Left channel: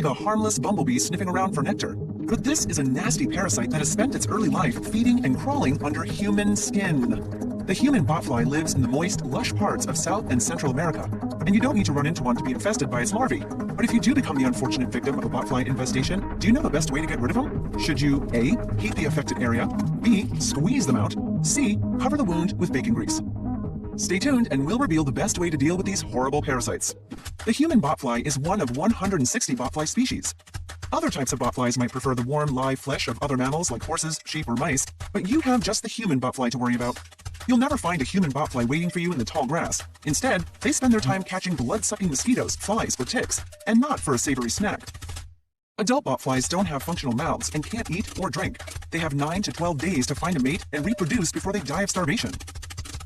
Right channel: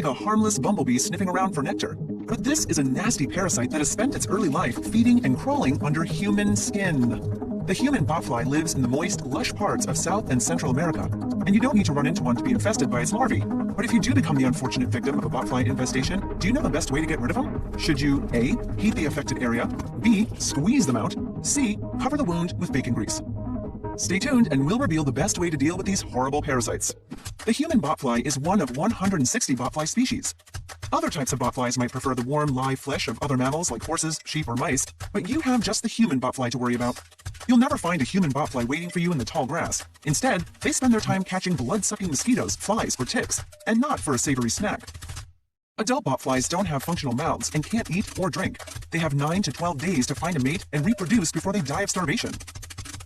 like a harmless bumblebee sniffing around for nectar. But this is a nasty parasite that has spent its early life feeding and crawling under human skin. The human botfly lives in the moist, lush parts of South and Central America, and you don't need to run into one to be infested by its larvae. But if you do become the unfortunate victim of a botfly infestation, do you know the best way to get rid of them? Should you A. heat the affected area, B. squeeze them out, C. cover the wound with bacon grease? Stay tuned and we'll reveal the best way to deal with these horrible parasites. The human botfly is one of 160 botfly species. Other types of botflies might prefer the warm, live flesh of other mammals like horses, sheep, or mice, but you have just the human botfly to worry about. You'll never find a human botfly waiting for you in the tall grass. Instead, they spend their time catching blood-sucking mosquitoes, flies, or ticks, and not for a savory snack. Adult botflies don't have functional mouths and can't eat or drink. They have 9 to 12 days to find a mate and reproduce before they die of starvation.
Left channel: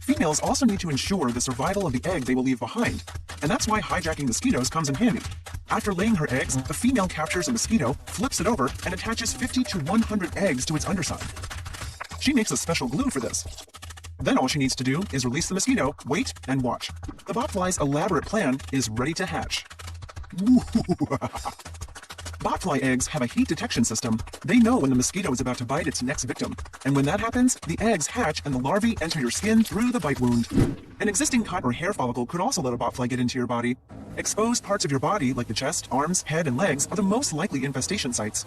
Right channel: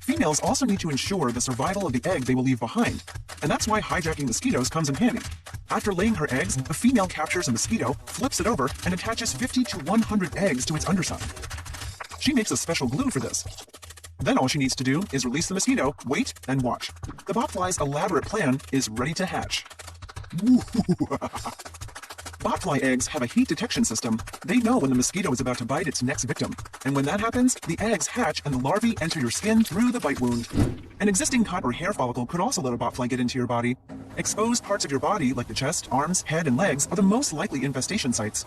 Females also need to ensure the survival of the egg they will leave behind, and that's why hijacking mosquitoes comes in handy. After laying her eggs, the female captures a mosquito, flips it over, and attaches 50 to 100 eggs to its underside. She makes a special glue for this. Then all she needs to do is release the mosquito, wait, and watch. The botfly's elaborate plan is ready to hatch. Botfly eggs have a heat detection system. They know when the mosquito is about to bite its next victim. And when that happens, the eggs hatch and the larvae enter your skin through the bite wound. An existing copper hair follicle could also let a botfly get into your body. Exposed parts of your body, like the chest, arms, head, and legs, are the most likely infestation sites.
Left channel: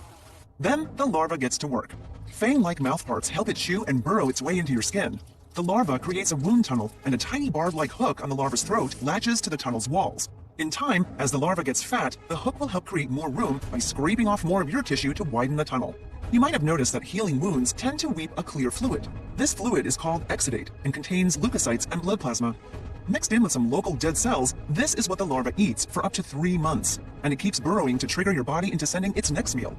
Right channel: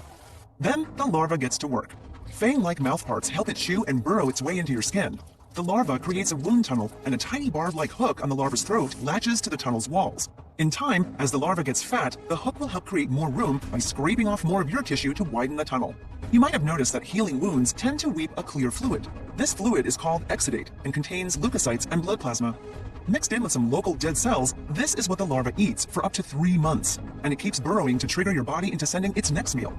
Then the larva gets to work. Fang-like mouthparts help it chew and burrow its way into your skin. The larva creates a wound tunnel, and a tiny barb-like hook on the larva's throat latches to the tunnel's walls. In time, as the larva gets fat, the hook will help create more room by scraping off more of your tissue to widen the tunnel. You might have noticed that healing wounds tend to weep a clear fluid. This fluid is called exudate and contains leukocytes and blood plasma. Mixed in with some local dead cells, this is what the larva eats for up to 3 months, and it keeps burrowing to trigger your body into sending its next meal.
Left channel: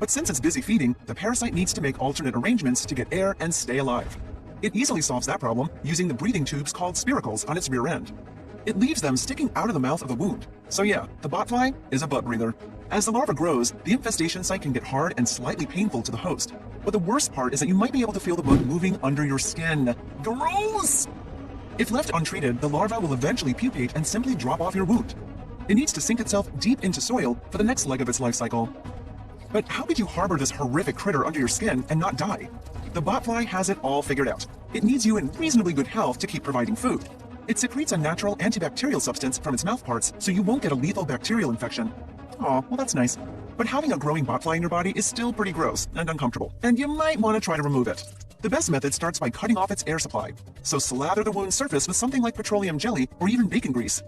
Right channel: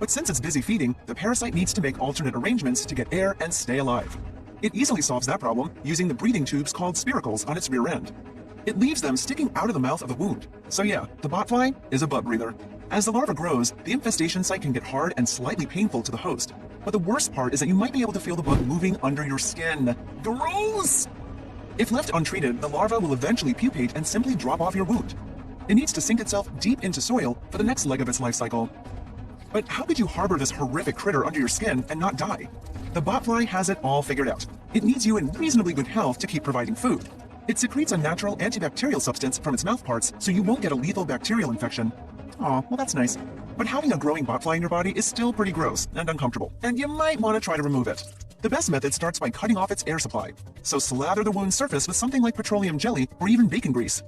But since it's busy feeding, the parasite needs to make alternate arrangements to get air and stay alive. It easily solves that problem using the breathing tubes called spiracles on its rear end. It leaves them sticking out of the mouth of the wound. So yeah, the botfly is a butt breather. As the larva grows, the infestation site can get hard and slightly painful to the host. But the worst part is that you might be able to feel the bug moving under your skin. Gross! If left untreated, the larva will eventually pupate and simply drop off your wound. It needs to sink itself deep into soil for the next leg of its life cycle. But how could you harbor this horrific critter under your skin and not die? The botfly has it all figured out. It needs you in reasonably good health to keep providing food. It secretes a natural antibacterial substance from its mouthparts so you won't get a lethal bacterial infection. Aw, well that's nice. But having a growing botfly in your body is still pretty gross and uncomfortable, and you might want to try to remove it. The best method starts by cutting off its air supply. So slather the wound surface with something like petroleum jelly or even bacon grease.